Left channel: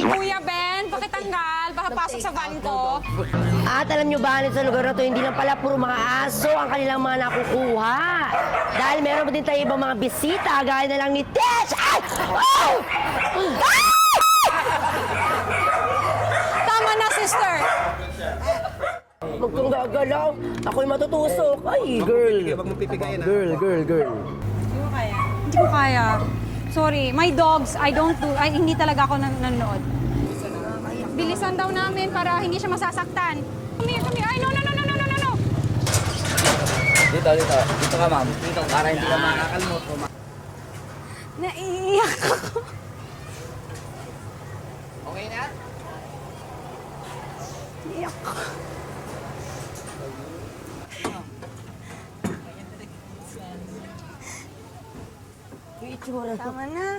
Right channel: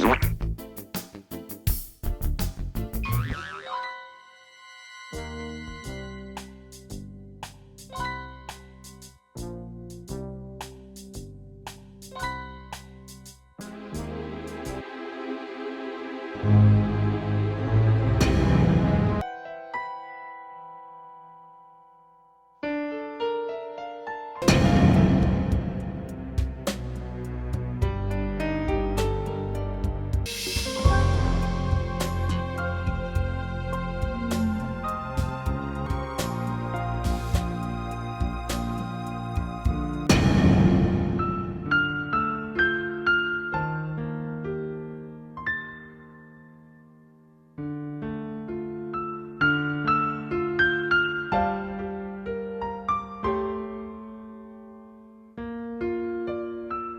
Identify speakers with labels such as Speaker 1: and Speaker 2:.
Speaker 1: Kuya Ben, pakitanggal. Baka pasok sa van ko.
Speaker 2: At alam nyo ba, sa lugar na to, hindi lang pala puro mga aso ang kanilang mga nakukuha. Dahil meron pa din tayo ibang mga bisita, gaya na lang ni Tesh! Ay! Oh!
Speaker 1: Tama na, sister.
Speaker 2: Huwag kang gagalaw. Ako'y matutusok. Ay, girl. Girl.
Speaker 1: Hindi ko kaya. Sorry, my dogs, hindi talaga ako nanonood. Bilisan daw namin para hindi siya masasaktan. Come here. Ay, no.
Speaker 3: Dito. Dito ka, ma'am. Dito, para hindi ka makakalmot.
Speaker 1: Naiiyak ako.
Speaker 3: Okay na?
Speaker 1: Iyak ako. Tama na.